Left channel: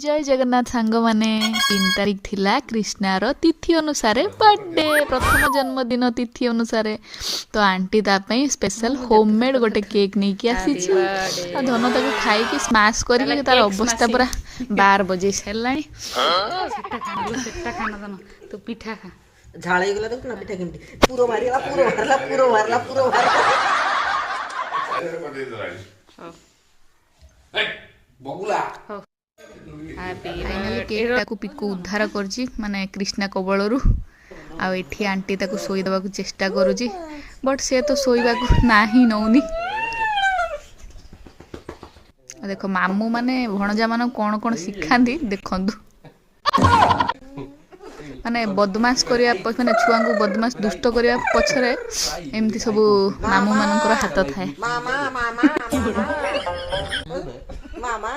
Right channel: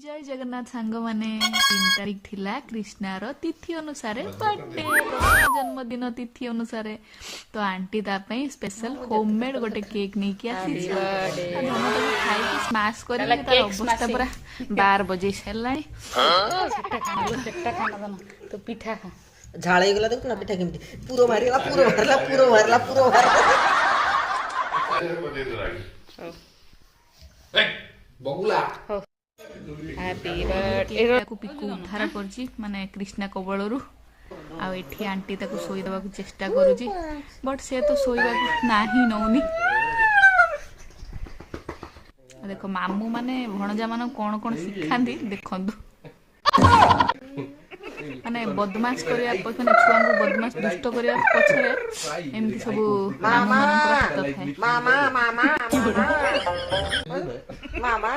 जय जगन्नाथ सांग माने 3 तारिख थिला कृष्णार तिथि अनुसार बर्थडे प्रथम जन्मदिन तिथि अनुसार तो आंटी तापई स्पेशल होममेड गोटे केक नहीं कि आसी धन ताको खाई कि स्मैश करके तार अवस्था पूरा 12 बजे सरलानी तो पिठा खा झाळे गेला देखो ना पिठा केमती पुरो मारला पुरो मारला पुरो मारला पुरो मारला बगुला हैप्पी बर्थडे को पिकु उद्धार करजी माने कृष्णा कबलरू आ एठी आंटी ताको सोई दबा को चेष्टा करूजी बट से तो सोईबा को नाही नौनी देखो मामू माने भणजा मान कोन कोन सिखांदी देखंदु माने बदमाश करिया माने छुआ को बदमाश दुष्ट करिया पछरे एमती सब मामू मानकर हाथ थाए मामा मामा मामा मामा